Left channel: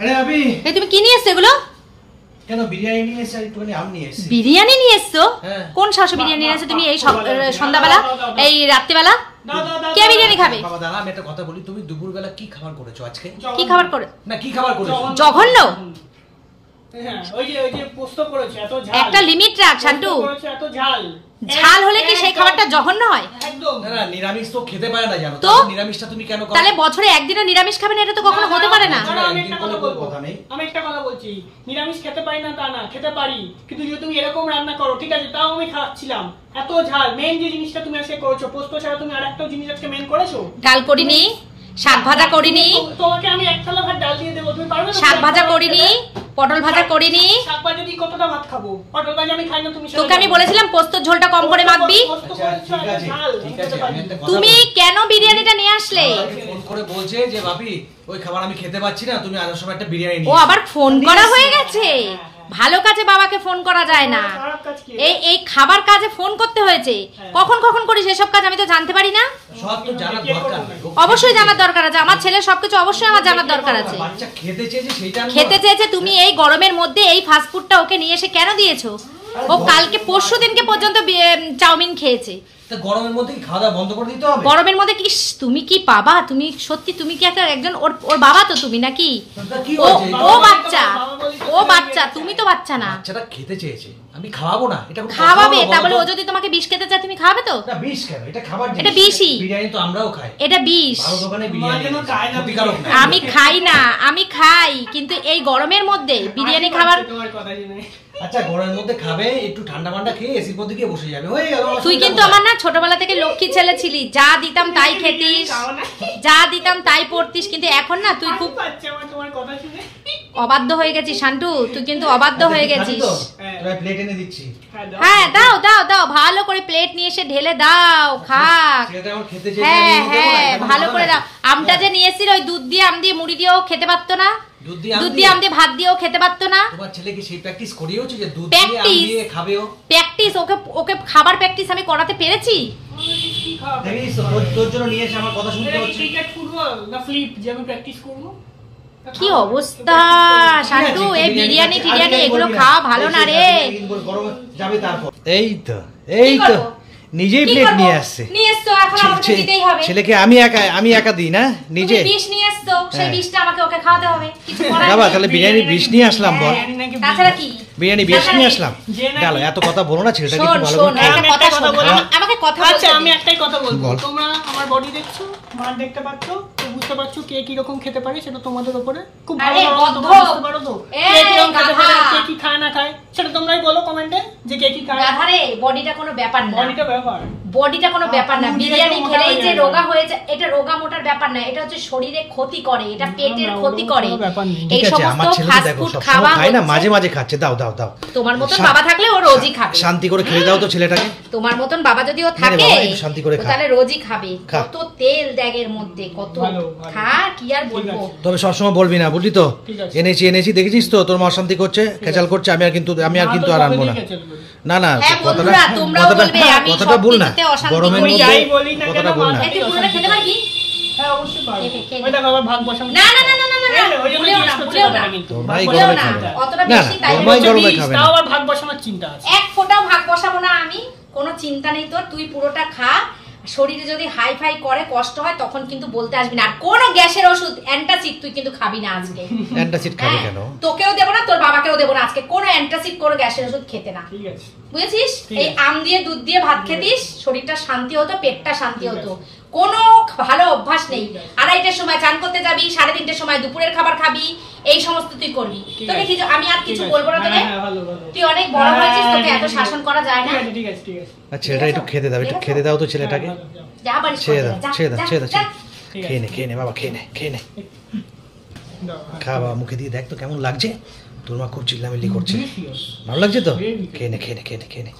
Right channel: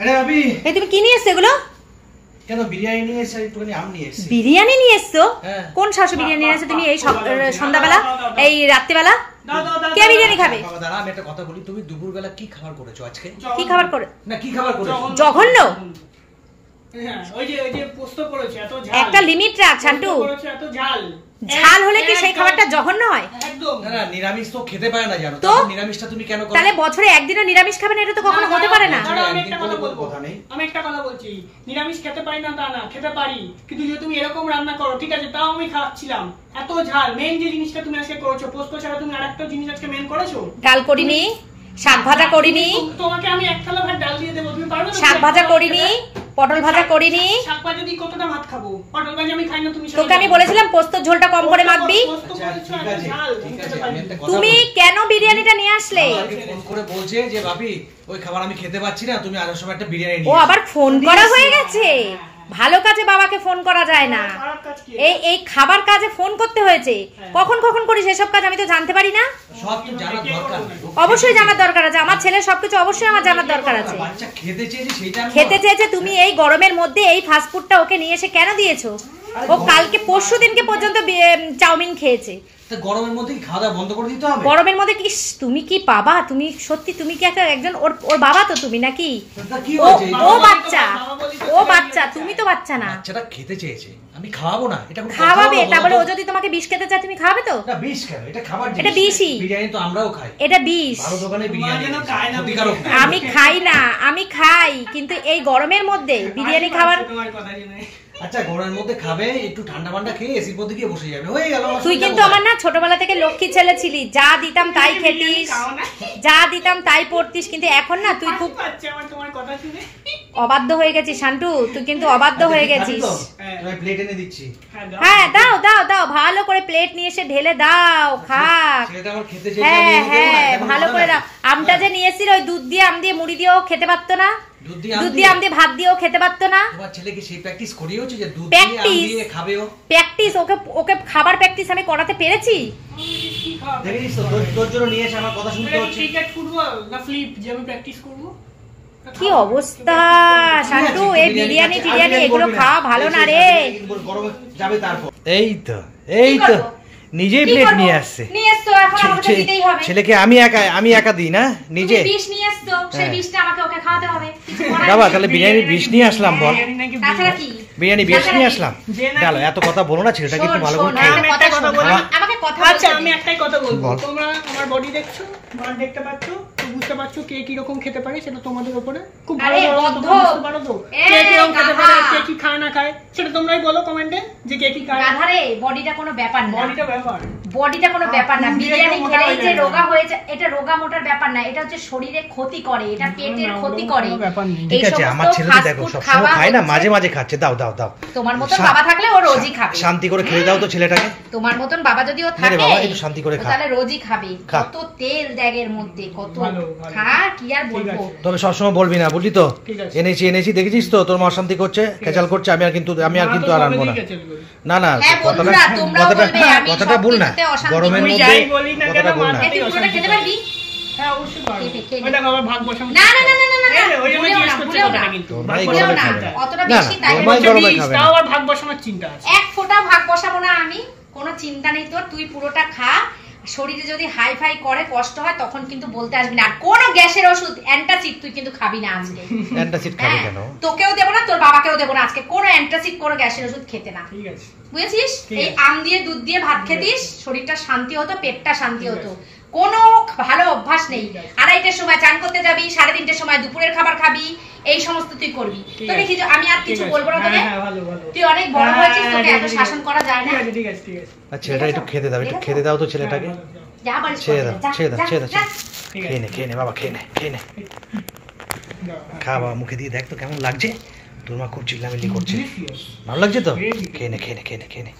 আরে ভাবি এই তুমি কি নিয়ে এসছো এগুলো? কেন বিরিয়ানি নিয়ে এসে একটুখানি আম নিয়ে এসেছি। বিরিয়ানি নিয়ে এসছো? কোন সাহসে বিরিয়ানি নিয়ে এসছো তুমি এই সন্ধ্যাবেলা এই রাত্রিবেলা? কে বিরিয়ানি খাবে? বাবা দাঁড়া, আমি একটা কথা বলি, তুমি দুপুরবেলা কি খাবার করেছো আজকে? কি খাবার করে না কি খাবার করেছো? জঘন্য। হ্যাঁ ওই যে পোস্ত করেছে এত ঝাল। একটা লিমিট রাখ শান্টু। এত ঝাল। ঝাল হলে কি সেই খাবারটা জঘন্য হয়? একদম না না, নিরামিষ তো খেতে পারে না জানো তো নিরামিষটা তুমি কেন করো? তাহলে বছরে একদিনও নিরামিষ খাবে না, এটা তো কখনো হতে পারে না। আমি একটা কথা বলবো, আমি একটা কথা বলছি, নিরামিষ খেতে পারি না তা না, খেতে পারি, কিন্তু যদি তুমি এরকম রান্না করো ঠিক আছে তাও আমি খাচ্ছিলাম। এত ঝাল, মেইন যে জিনিসটা তুমি আজকে করেছো পোস্ত ছাড়া তুমি আরেকটা জিনিস আজকে মেইন করেছো। ডাল করিনি, শাক ভাজা করিনি। তোমাকে আমি এক থালা ভাত ডাল দিয়ে দেব, তুমি পারবে না? শাক ভাজা করিনি, পটল ভাজা করিনি। শাক ভাজা দিয়ে কতটা ভাত খাবো? পটল ভাজা আমি খাই না, তুমি তোকে আমি বলেছিলাম পোস্তর ঝোলটা কম করে মাখবি। তুমি কেন বিরিয়ানিটা নিয়ে আসলে? ফোন করে বলছে যে ভাবি ওই খাবার আমি খেতে পাচ্ছি না, তুমি আসার সময় একটা বিরিয়ানি ও আবার ফোন করা হয়ে গেছে। ভালো কাজে বাবাকে ফোন করা যায় না, এই খাবার কাজে ফোন করতে হয়েছে। কখন কখন করিস এসব কাজ আমি তো জানতে পারি না? সব তো জানার দরকার। অবশ্যই জানার দরকার আছে, আমার ছেলের সবকিছু অবশ্যই আমার জানার দরকার আছে। বাচ্চা খেতে চেয়েছে সেটা খেতে চেয়েছে, তুমি এই গরমের মধ্যে এই ফাস্ট ফুডটা ওকে নিয়ে এসে কেন দিয়েছো? ও কালকে পরশু দিনকে পর্যন্ত চাউমিন খেয়েছে। তা গরমের মধ্যে খাওয়া দাওয়া বন্ধ করে দিতে হবে? গরমের মধ্যে কি তুমি কি বাবা? তুমি সত্যি তুমি কি একটা একজন ওর বাবা তো তুমি নাকি? ও বাচ্চা, ও বাচ্চা, তুমি তো বাচ্চা না। বাচ্চাটা খেতে চেয়েছে, আমি খাওয়াবো না? এটা খাওয়াবে, তা বলে ও যদি তোমাকে বিষ খেতে চায় তুমি খাওয়াবে তো? না বিষ কেন, এটা খাবার জিনিস। এটা বিষই। বিরিয়ানি তো আমরাও খাই। এটা বিষ। ভালো দোকানে বিরিয়ানি খায় না। আমি খাই না, আমি খাই, কিন্তু এই গরমের মধ্যে বিরিয়ানি খাবার। তোমার কথা শুনে আচ্ছা গরমের মধ্যে খাবে, একটু ঠান্ডা মান্ডা খেয়ে এসির মধ্যে গিয়ে বসে যাবে, হয়ে গেল। তুই কিন্তু আমার না ছোটবেলা থেকে লক্ষ্মী ছেলে ছিলি, যা দিতাম তাই খেতিস, যা দিতাম তাই পড়তিস, কিন্তু এখন না তুই খুব তোমার কথা শুনে অবাধ্য হয়ে গেছিস শান্টু, তুই কিন্তু অবাধ্য হয়ে গেছিস। এবার প্লেট এনে দিচ্ছি। হ্যাঁ দাও দাও দাও, ভালো করে প্লেট নিয়ে এসে ঢেলে দাও, খাক। হ্যাঁ হ্যাঁ ভালো করে দাও। আমটা যে নিয়ে এসেছিল ওই দুধ দিয়ে আম দিয়ে মুড়ি দিয়েও খেতে পারতো না, দুধ দিয়ে আম দিয়ে ভাত দিয়েও খেতে পারতো না। তোমার ছেলে কি সেই প্র্যাকটিস করিয়েছো যে দুধ দিয়ে আম দিয়ে খাবেও? প্র্যাকটিস ওকে খাবার প্র্যাকটিস আমি করাতে পেরেছি। দেখিস তো তোর জন্য নিয়ে এসে আমার কথা শুনতে হচ্ছে। ক্রিকেট ফুটবল না ফ্লিপ যে আমি প্র্যাকটিস করব? কি অবস্থা শান্টু, এই বিরিয়ানি টিরিয়ানি এগুলো খাওয়া ভালো না রে। গরমে যাবে তারপর। এই তো নিজেই প্লেট নিয়ে আসছে। নিয়ে এসছো, এখন আমাকে দিতেই হবে। ছেলেকে আমি একা দিই না, নিজে বিষ নিয়ে এসছো, সেই বিষটা আমাকে ওকে খাওয়াতে হবে। কিছু করার বাবা তাহলে বিরিয়ানি বিষ নিয়ে আসলাম বল। তাছাড়া কি বিরিয়ানি বিষ নিয়ে আসলাম? গেল, এত কথা বলো না, ছেলেটা কিন্তু ভালো করে খেয়ে। আমি একটা কথা বলি, আমাকে কথা আচ্ছা আমি একটাই কথা বলবো, তোমরা আমার বডি দেখছো, মার দেখতে পাচ্ছো তো, বুঝতে পারছো কে কি রকম খেতে পারে, সেটা তোমাদের উপরে খুব ভালো তোমরা বুঝতে পারো তো কে কি রকম খেতে পারে, কে কি খায় না খায়, সেটা তোমরাই বলো কমেন্টে যে কে কি খায়। গাধারে বডিটা কোনো ব্যাপার না, বডিটা কোনো ব্যাপার না। বিরিয়ানি খেলেই যে রোগা হয়ে যায়, এটা রোগা মোটার ব্যাপার না, এটা হচ্ছে শরীরে ক্ষতি করে, এটা পেটের ক্ষতি করে। ঠিক আছে, আমার ছেলে তো দেখো সবসময় খায় না, মাঝে মাঝে খাচ্ছে, দাও দাও দাও। তোমার মতন বাবা থাকলে ও রোজই খাবে। শান্তি করে খেতে দাও তো ছেলেটাকে। তোমার মতন বাবা যদি ও থাকে শান্তি করে খা, তাহলে রোজই খাবে। কত তেল দেগের মধ্যে, কত খা, কি আর বলবো। তবে সবসময় বলবি না, বুঝলি তো? এনেছি দেখেছিস তো, তোর মা অশান্তি করছে, খেচাল করছে, আমি আর কিন্তু আর আনবো না। না না, কথাটা ভুল না, গরমের মধ্যে কথাটা ভুল না। খেতে পারবি? হ্যাঁ অবশ্যই পারবো। ওই দেখো আবার ভাগ বসাবো। না না না না না, ওই জন্য জিজ্ঞেস করছি কথাটা, কিন্তু অতটা বেশি তাই তাও আবার ভাগ বসানোর চিন্তা আছে। এক ফোঁটাও ভাগ বসাবো না আমি, কোনো চিন্তা নেই তোর, তুই পুরোটা খা। শরীরে যদি হাই ফাই করে কষ্ট হয় তখন কিন্তু বলতে আসবি না। আর কোনো গ্যাসের ওষুধ অ্যান্টাসিড তুই কিন্তু খাবি না আজকে। অ্যান্টাসিড খাবে কেন? তোকেও দেব না, তোর বাবাকেও দেব না আজকে, কোনো অ্যান্টাসিড কোনো গ্যাসের ওষুধ খেতে না, ঠিক আছে? বুঝেছিস? এই আম দিয়ে দুধ দিয়ে ভাত খেতিস, শরীরটা শান্তি হতো, পেটটা শান্তি হতো। কোনো ভালো অভ্যাস নেই। 2:30টার সময় চান করতে যাবি, 3:30টার সময় দুপুরের খাবার খাবি, এই সমস্ত তুই করবি। তোকে কিছু আমি আর কিছু বলবো না তোকে, তুই অনেক বড় হয়েছিস, তোকে এত শাসন করা যায় না। ঠিক আছে ঠিক আছে। আচ্ছা এটা একটু খেতে দাও, একটু খেতে দাও তো ছেলেটাকে। যা বাড়ি ছেড়ে দাও। খেয়ে নে বাবা, খেয়ে নে। খা বাবা, মুখে দিয়ে দেখ তো কেমন লাগছে। তোর মা খুব চিল্লামিল্লি করছে, ভালো লাগছে তো? খেয়ে নে।